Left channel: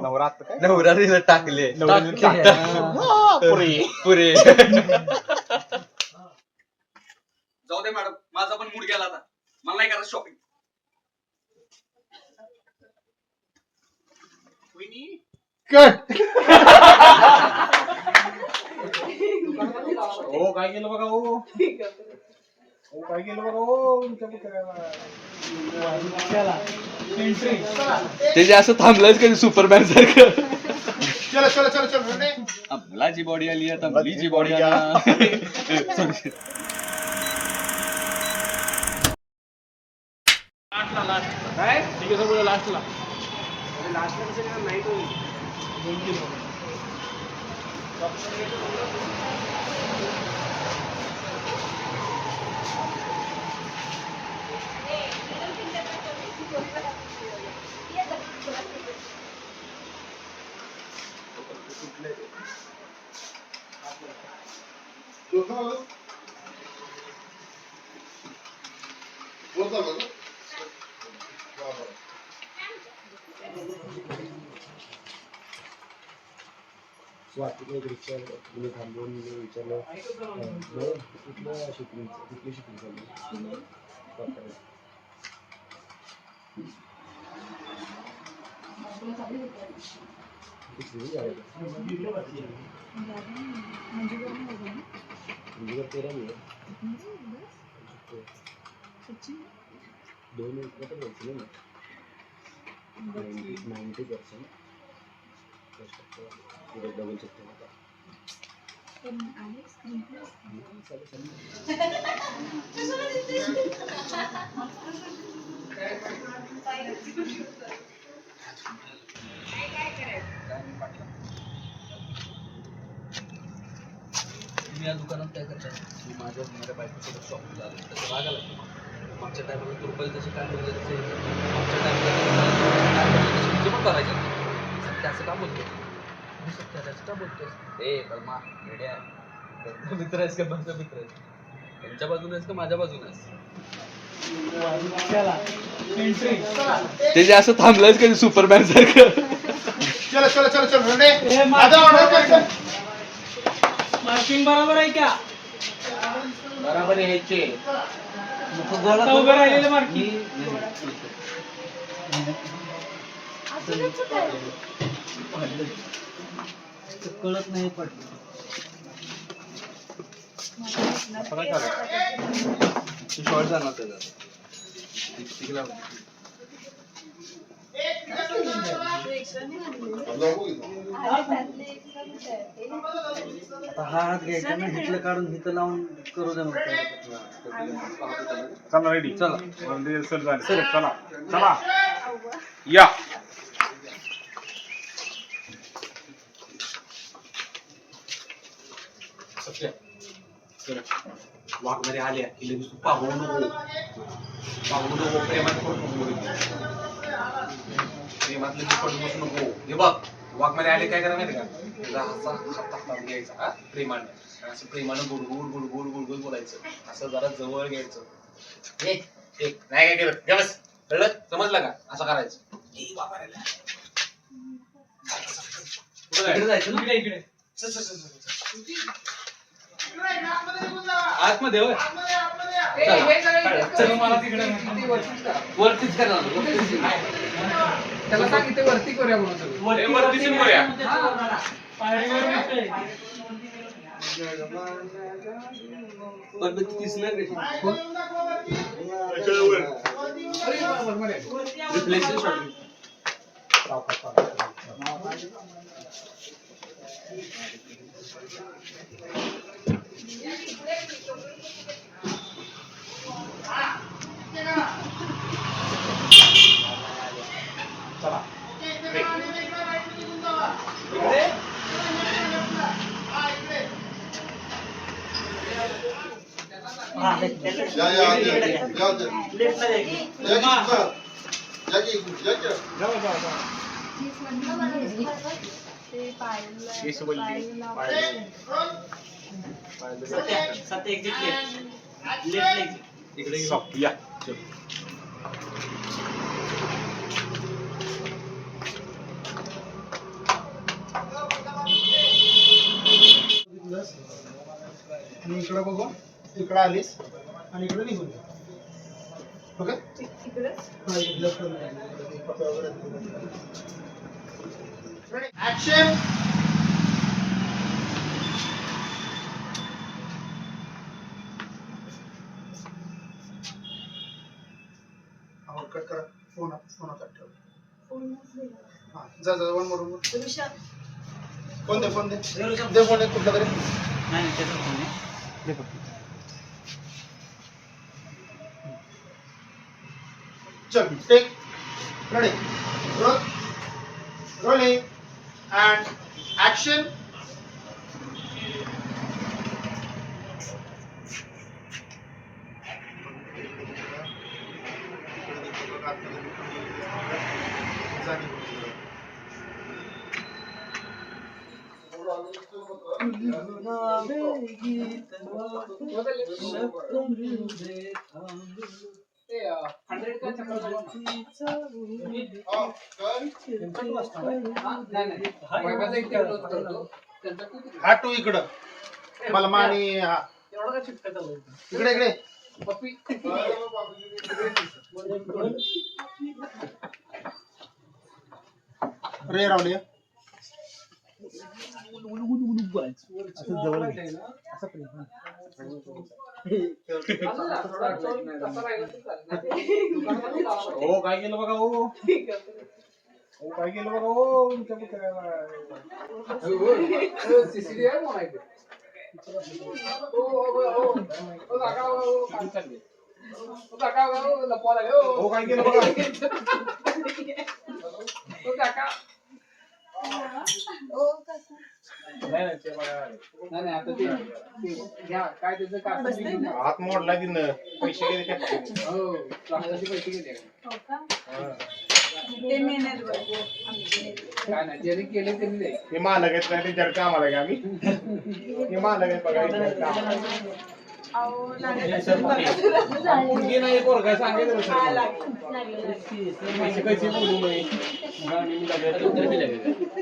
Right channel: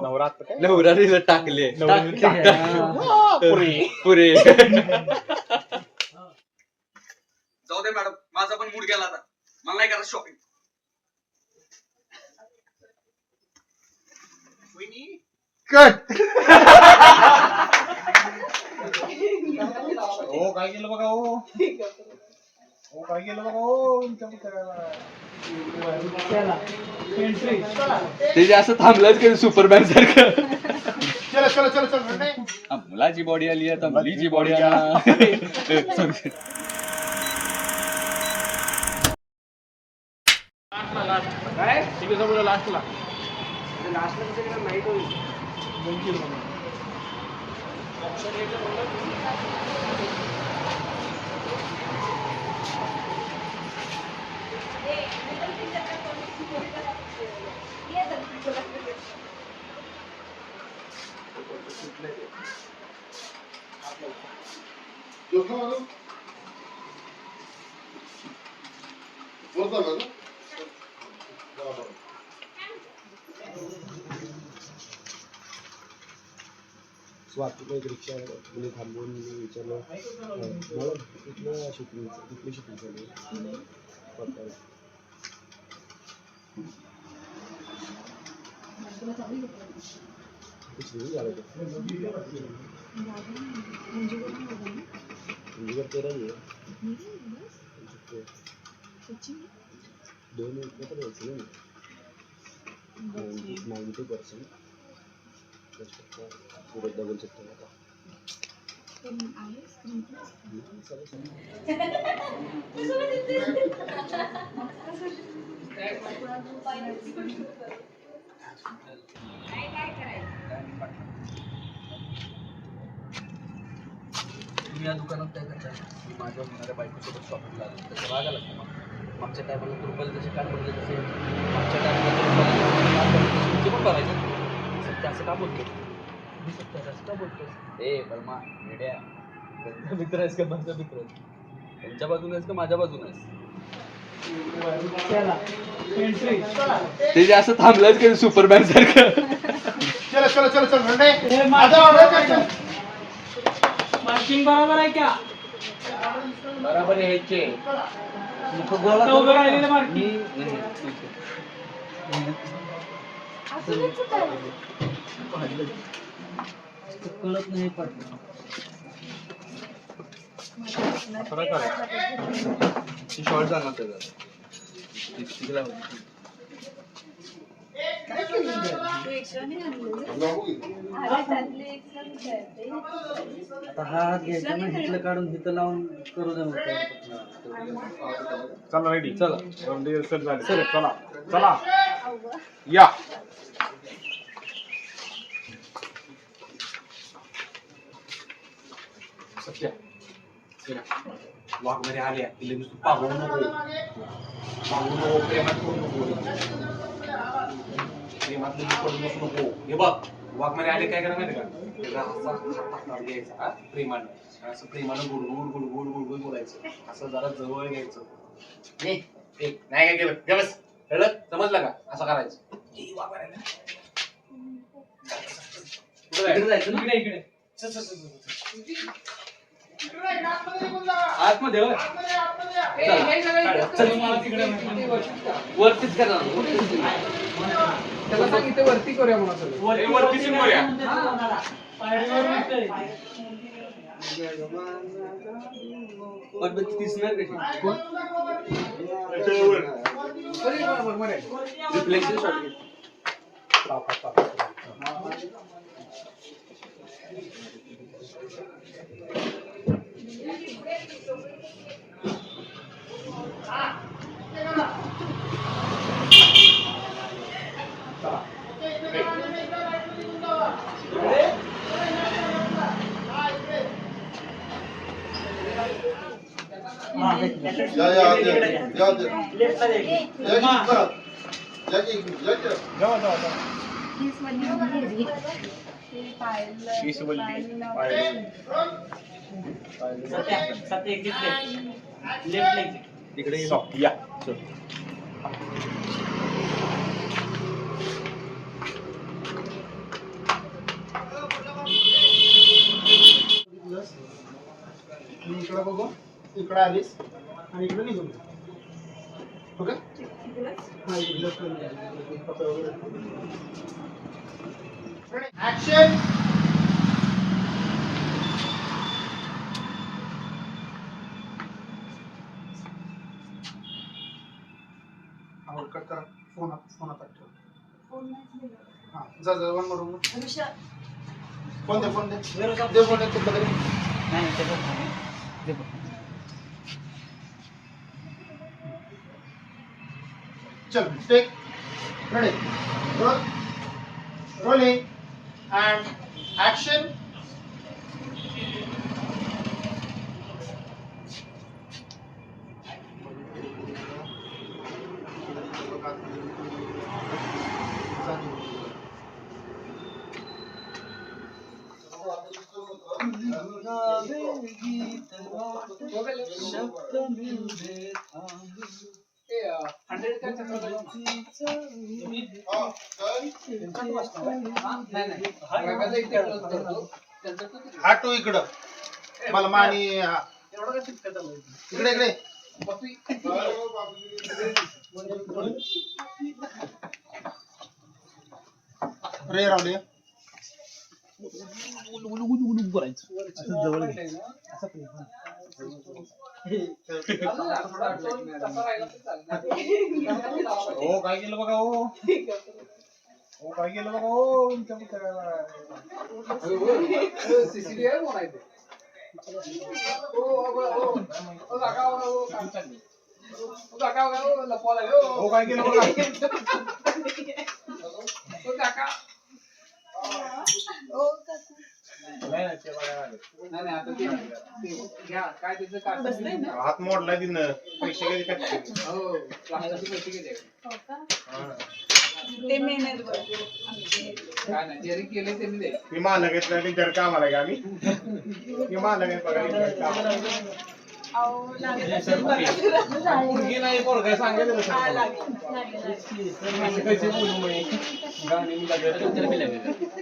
नवरा आता काय? नवरा रील टाकले. टाकले. टाक. पुरी. पुरे. जाऊ दे मॅडम माझा पण मूड गेला आता. मला नाही करायचं शॉपिंग कट. हो काय केलं बघा हो? ते जे असं थांबलंच कधी सुपरमॅन सारखं चलो चलो चलो चलो नाही. मुलाची बॉडी आली आता मुलीची बॉडी आली Sorry. ठीक आहे समजा लास्टला स्वातीला एक रिक्षा म्हणजे थांबवून मी विचारलं मॅडम कुठलं शूटिंग कुठली शूटिंग चालू? सातारा. पिछली म्हणजे तेरा ही है दोन मिनिट बोलतो ना नाईन्टी नाईन्टी पर्सेंट दस टक्का पुढे डबल चेक केला आहे तुम्ही या दुकानात काय करताय मी माझ्या होणाऱ्या बायकोसोबत शॉपिंगला आलो. त्याचा राग आला का मग? मागच्या टायमाला तू रुपयाला जसे कान बघले तसे मागच्या टायमाला ते रुपयाला जसे कान बघले तसे तुझे पण भरायचे सत्य असं का बोलतो मी सत्य असं का बोलतोस ए बलमा येड्या. त्यांचा मित्र आहेस का? माझा मित्र आहेस. त्यांच्या बाजूने आहेस का? माझ्या बाजूने आहेस? ते जे असं थांबलंच कधी सुपरमॅन सारखं? चलो चलो चलो चलो नाही. आता order कर, चल. मार्किंग बरोबर आहे का? बरोबर यायचे आता उभं राहिलेलं मार्किंग कळत नाही पडलं. शॉर्ट जाणार त्याचा तिकला आता हा हात घ्यायचा ना हिथलं काढून हिथं लावून करू दे मग. चला रेडी चला. सर झाले. चला. चला. या. सत्य वाघमध्ये आल्या की लगेच तू पाहू नको. पाहू नको प्रेमात पडू नको. लगेच. प्रेमात लगेच पडू बसू नको. हे बघ वाघमध्ये आले काय करा माहिती का? त्याचा असा हात हातात घ्यायचा हा प्रेमाने. असं प्रेमानं good good good good good good बोलायचं. असं जरा जवळ घ्यायचं. ए, ए, नाही काय केलं? घे बस. कळलं? समजलं का? असं करायचं. ए. कुठं जायचं? इकडे इकडे चल, चल, चल, चल, चल. आतमध्ये होय. वरतीच करणार वरतीच. त्याला सांग इथे वरती करूया म्हणून सगळं ए, वरतीच करूया. पण ती दिसणार कशी रिफ्लेक्शन शॉट या या आत या. या लेफ्ट या. या की या की या की. जावा जावा जावा केस वल्ली. पायल. इकडे तिकडे या चल. इकडं बघू. इकडं आलीस आणि इकडं निघून जा. ऍक्शन फोन फोन आता ठेव हा जा जा वन मोर फोन दे फोन दे दे फोन एक कुठला तरी चल take ready roll rolling and action hundred काय चक्कर नाही नाही वैभवचा इथे close करतो. त्यांचा तू तिकडे. हा टू इकडं. मला मानी हा. इकडे इकडे. रे रावले असं जवळ घे. हो काय केलं बघा हो हो काय केलं बघा हो तुमच्या पुस्तकाला हो काय केलं नाही नाही ते बघा नाही नाही आता ते ते घ्या काय त्याचं काय हात मोडला तिनं पैसे गेले का? हो राष्ट्राचे पैसे गेले. ते मेहनत बघ. आमचे. काय नाही ज्यांनी केले त्यांनी द्यायचे मी मालक आहेत ना आहे का आम्ही? मी मालक आहेत बघा. अहो, लागलं. मुलगी नाही हा, सर. लागलं. पैसे कैसे बोलू मी गाणी मी लागले.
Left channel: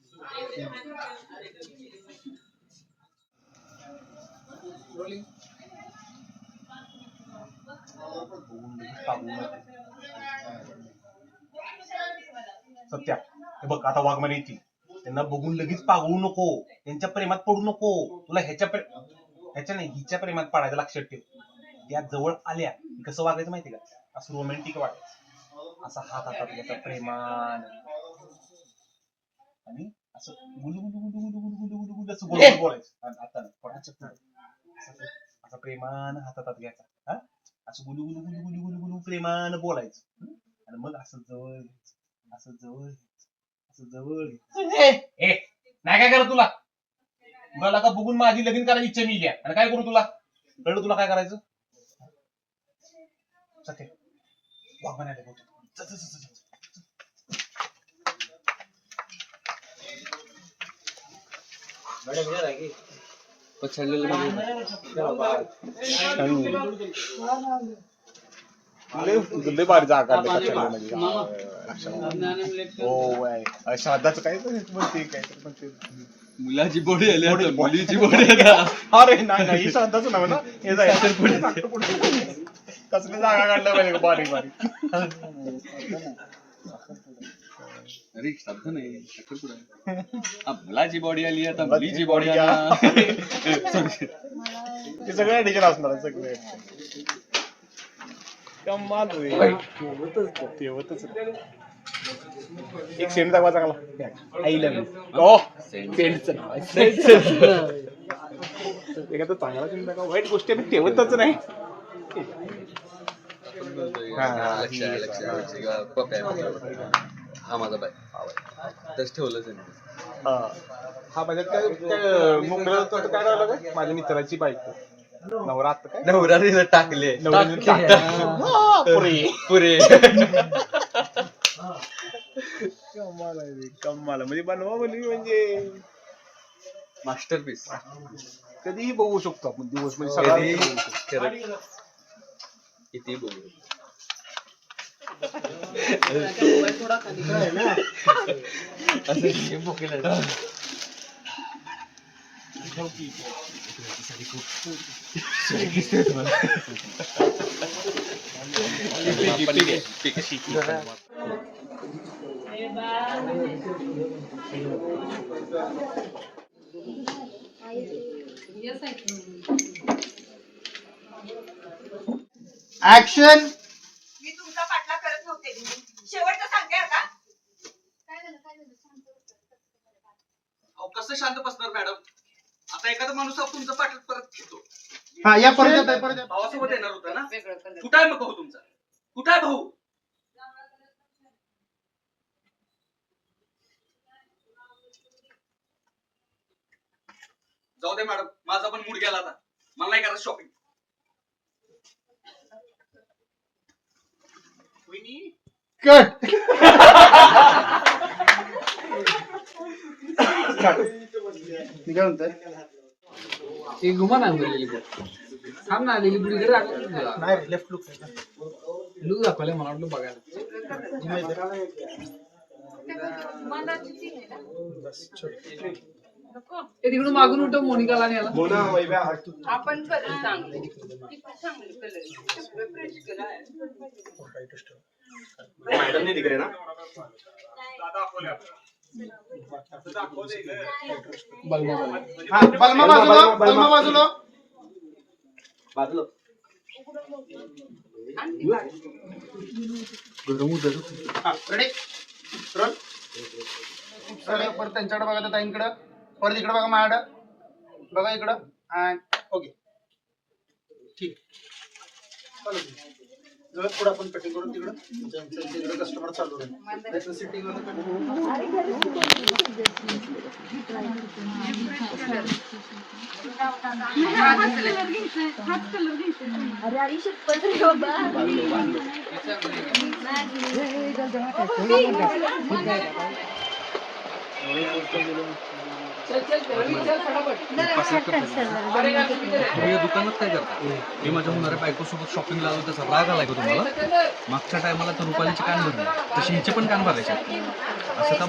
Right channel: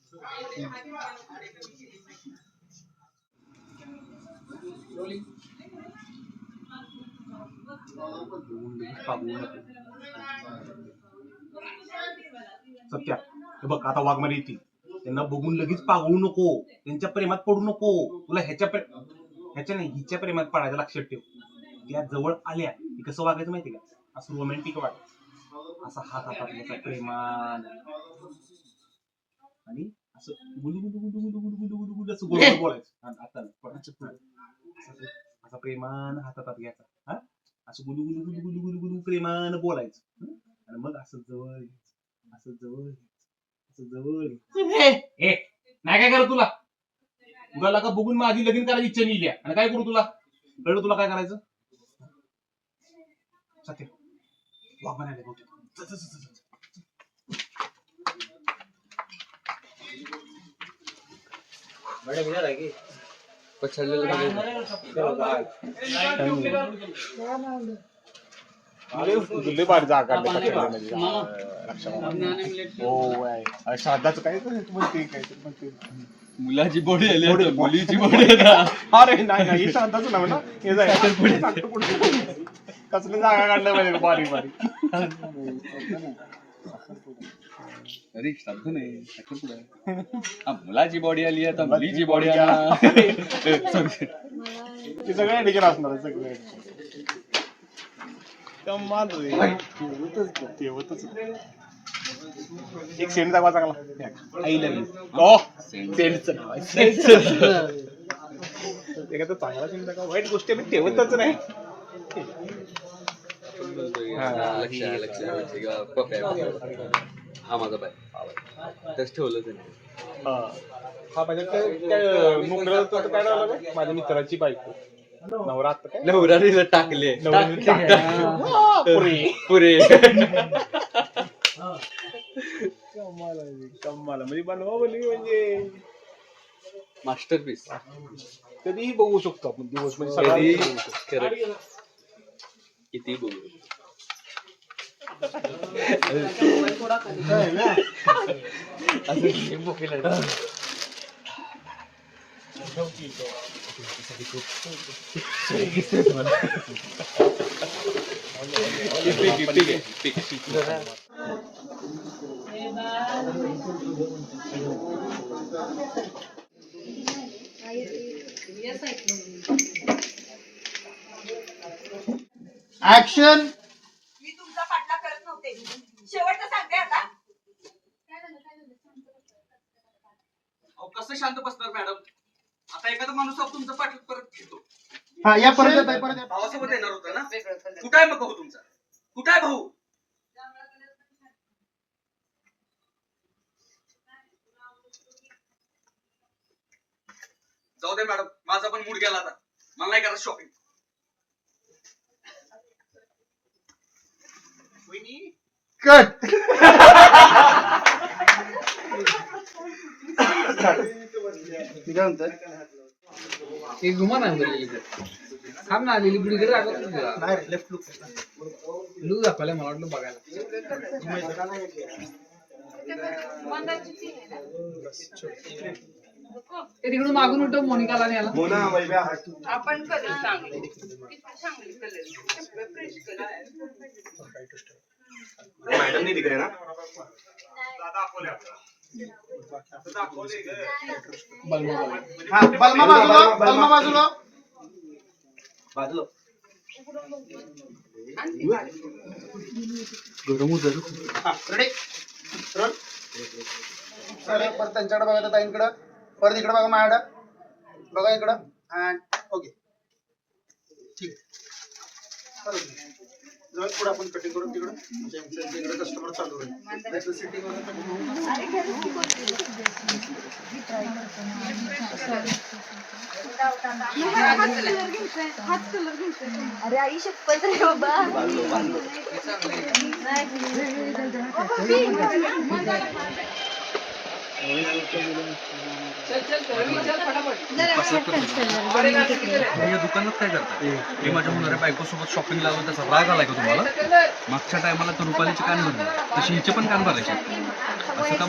सत्या. हे बघ आता वाघमारे येतील. त्यांना बघून लगेच पागळू नको. त्यांच्या प्रेमात पडू नको. तुला ह्याच्या प्रे ह्याच्या नाही हिच्या प्रेमात पडायचं लक्षात ठेव. त्या जवळ आल्या की कसं वागायचं माहिती का? असं रोमॅन्टिक वागायचं. असा हात हातात प्रेमान. आणि असं गुलू गुलू गुलू गुलू गुलू गुलू गुलू गुलू असं गोल बोलायचं आणि आता नाही, कोणाचं नाही. असं प्रेमान हात हातात घ्यायचा हा असं गुलू गुलू गुलू गुलू गुलू गुलू प्रेमान बोलायचं हं? आणि मग असं जवळ घ्यायचं असं जवळ असं जवळ ए नाही काय करा तुला तुला का बघून माझी लगीन करायची इच्छा मिली आणि काय करू तुला कळलं तुला काय करायचं सत्य वाघ म्हणाले बहुतेक चल, चल, चल, चल, चल. लय भारी जागा काढली पछाडली म्हणजे. हो श्राद्धाचं काय म्हणते काहीतरी म्हणते. मुलाची बॉडी आली मुलीची बॉडी अरे नाही नाही ही शांताच नव्हे ना. हे जाय. कसली जागा काढलं पाहिजे बारीक बारीक. अरे शब्द नाही आहे. हा, मुलाची बॉडी आली आता मुलीची बॉडी आली. ते सगळे ऍडिशन असणार सगळे कमाल होईल. ठेवतच नाही. एक सेंट दाखवा चांगला आय लव्ह यू ओ सेंटचं नाव आहे. सेंटचं एखादा चांगला सेंट दाखवा वाईट गोष्टी आम्ही ठेवतच नाही. हा माझा बाय. तस ठेवलं त्यांनी हा. हा माझ्या त्या मोकळं काय राहिलं काय? माझ्या मित्राची बायको. नवरा आता काय? नवरारीला टाकले. नवऱ्याने टाकलं. बापरे. पुरे. कमाल आहे रे, कमाल आहे. म्हणजे बनवा बोलली म्हणजे. मास्टरपीस. कधीही बघू शकतो आपण दिवस म्हणजे सगळा कधी बघू शकतो. खरं. किती बघू ऍक्शन मी तुमचा पाठला करत नव्हते शेवटचं सांगते आता अहो कसं शांत बसणार मॅडम आता एखादा माणूस आपण तुमचं पाठ परत घेतो हा या परत येत आहे, परत. भावासोबत येणार होता ना? कुठं आहे मग भाऊ तुमचा? कुठं आहे भाऊ? जाऊ दे मॅडम माझा पण मूड गेला आता. मला नाही करायचं शॉपिंग कट. काय एक घुमा नाही बुड. थांब ना आलेली इकडे. नाही लेफ्ट लुक लूक दाखवले मला वाटलं बघायला. ना ते तिकडून मागून उठव मोनिकाला आणि याला. मोना वैभ्या हात आपण कलर चांगले. ती पण चांगली कलर फ्रेश कलर मॅडम तिकडे ना. बलमा बाजूला. बलमा बाजूला बाजूला रेडी सर परत त्यांच्याकडे बघा त्या ताईंकडं परत इकडे बघा माझ्याकडं बघा इकडं अँड ओके ठीक चालेल जवळ पुढे आपण कटिंग करून तिकडं. तिकडे कस्टमर चालू राहील सिटिंग अरे आई शपथ रे बाबा. तुम्ही या दुकानात काय करताय? मी माझ्या होणाऱ्या बायकोसोबत शॉपिंगला आलो त्याचा राग आलाय का तुम्हाला? मागच्या टायमाला तर रुपालीचे कान भरले. तसे हिचे पण कान भरायचे. असं का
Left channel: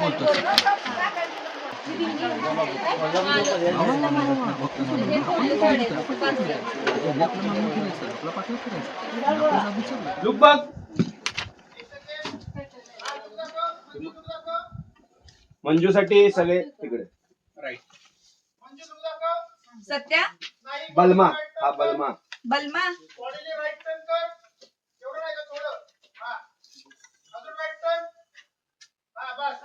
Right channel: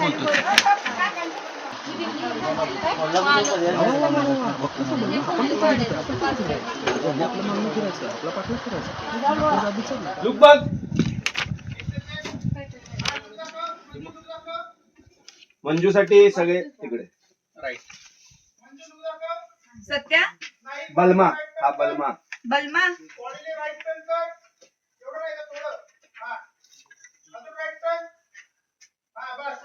लुक बघ मंजूसाठी सगळे तिकडे. सत्या? बलमा हा बलमा. बलमा? बॉडीने राईट टर्न कर एवढं नाही का थोडं हा अजून राईट टर्न हा बस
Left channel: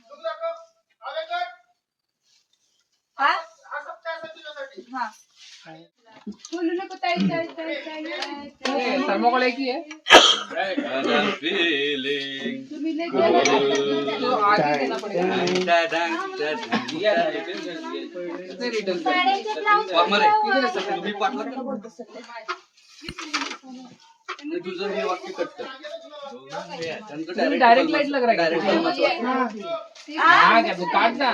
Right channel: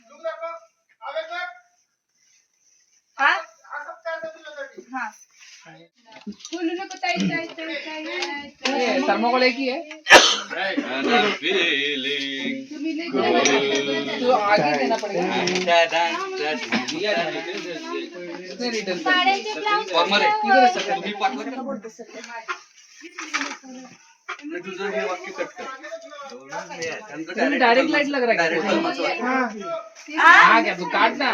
लुक दाखव आगे कर हा हा सब काय असेल तुझ्यासाठी हा बोलू नको ताई ताई ताई ताई ए, थर्माकोल एक ही आहे तुम्ही लय जेवण तो आगे देना पडेगा इसने रिटर्न कर तुम्ही पाठला तुझं हे वाक्य कट कर तुम्ही डायरेक्ट लाइट लग रहा है क्या? हाँ क्या तू काट ना.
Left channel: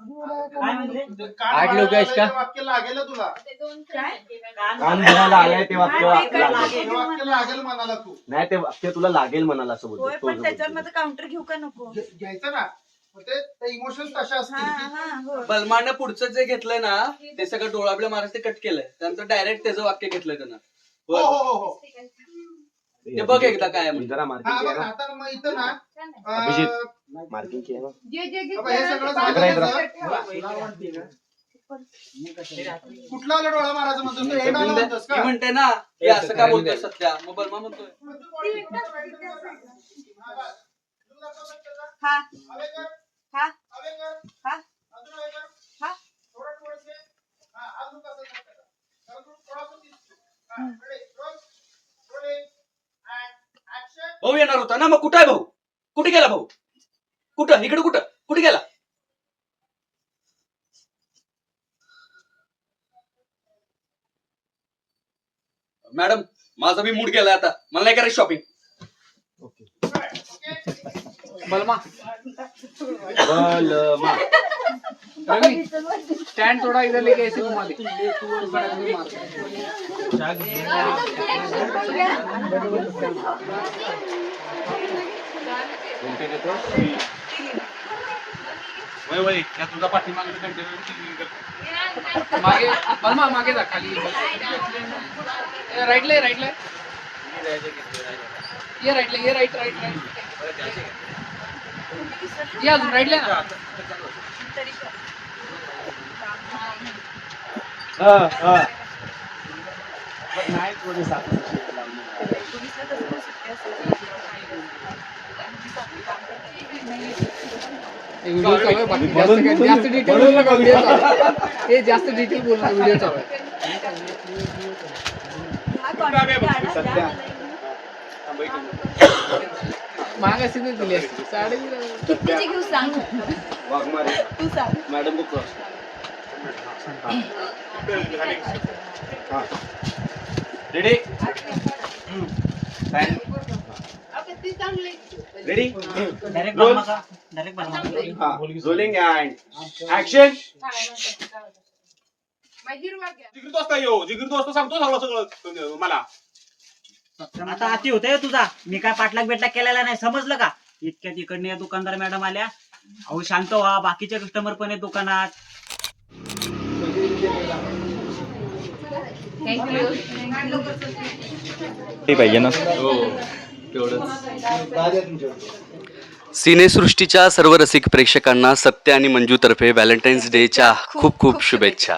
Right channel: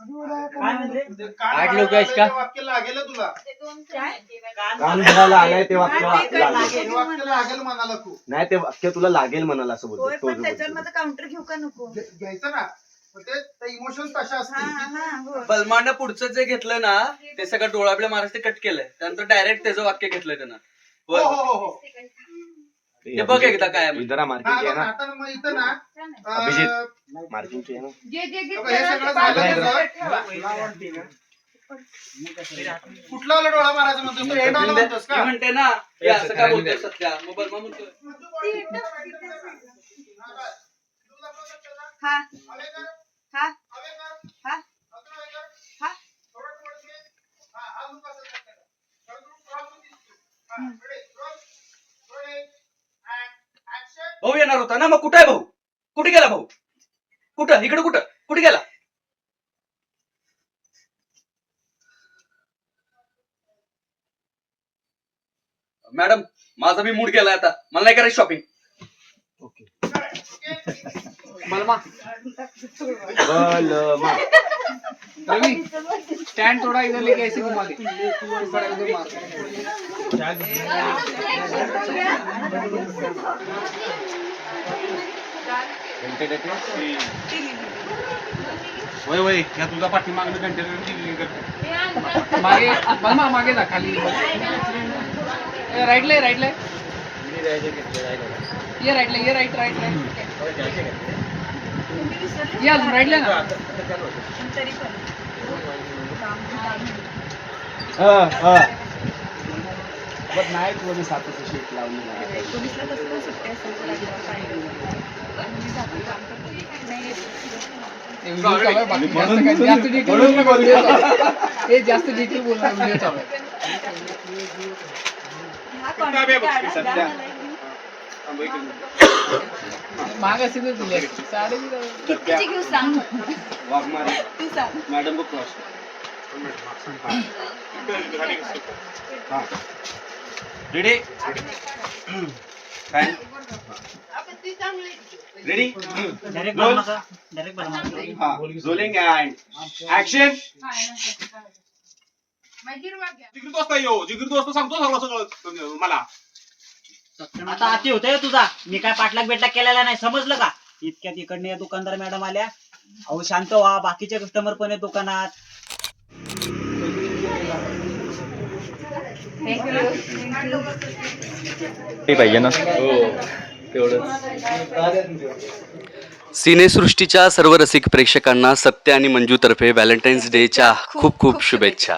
आठ लोक इसका वाक्य लागेल तुला. काय? कान भरायला आलाय ते वाक्य हा, लागेल. वाक्य लागेल मनाला खूप. नाही ते वाक्य तुला लागेल म्हणाला असं बोलतो तो त्याच्यावर. माझं काउंटर घेऊ का नको? घ्यायचं ना. तशा हा बलमानं पुढचं जे घेतलं ना ते सगळं डोळाबल्या महाराज ते कट केलंय. त्यानंतर डायरेक्ट त्याचं वाक्य घेतलंय त्यानं. हो. हो हो हो. ते बघ एकदा काय आहे. जरा मार्किंग बघ ना. आता मग इथं ना अं, अभिजित. मार्किंग जे जे हे सगळं झालं ना, ठेवा. कुठला आला डोळा मारायचा म्हणतोस तो? एंड आला म्हणतोस मी का म्हणते ना हे असं काय बोलतोय सध्या? मग बर्मा म्हणतोय. हा हा हा? हा? हा? हा. हा. भाऊ येणार होता ना मग कुठं आहे भाऊ? कुठे गेला भाऊ? कुठं? इकडे कुठं? कुठे गेला? मॅडम माझा मी मूड गेला आता. मला नाही करायची शॉपिंग बलमा. बलमा. रवि स्टैंड थोड़ा इधर लेके ऐसे घुमा दे. वय वय ह्या तुझा पाठीमागणं कंटेनर मागे बलमा मागे जा खाली. राइट ले राइट ले. ये राइट ले ये राइट राइट राइट ये अजून ले ना तरी पण हा हा नाही लावली पोलिसला पण सुट्टी असेल बाकी जास्त डिटेल. हे बोलणार व्हिडिओ. हा सध्या. मॅडम को? क्रॉस हा ready ready rolling and action जिगरी दोस्त आहे यो जिगरी दोस्त सांगतो सर्व सगळं मला. आता अति होतंय तुझा. मी काय पाठलाग बेटलाग केलेला नाही समजलं का? इतक्यात इकडनं या दुकानदार मॅडम आल्या. अहो शांत व्हा बाकीचे कस्टमर पण आहेत दुकानात. सिनेसृष्टीच्या सर्व रसिक प्रेक्षकांना सत्य आणि मंजूतर्फे व्हॅलेंटाईन्स डेच्या खूप खूप शुभेच्छा.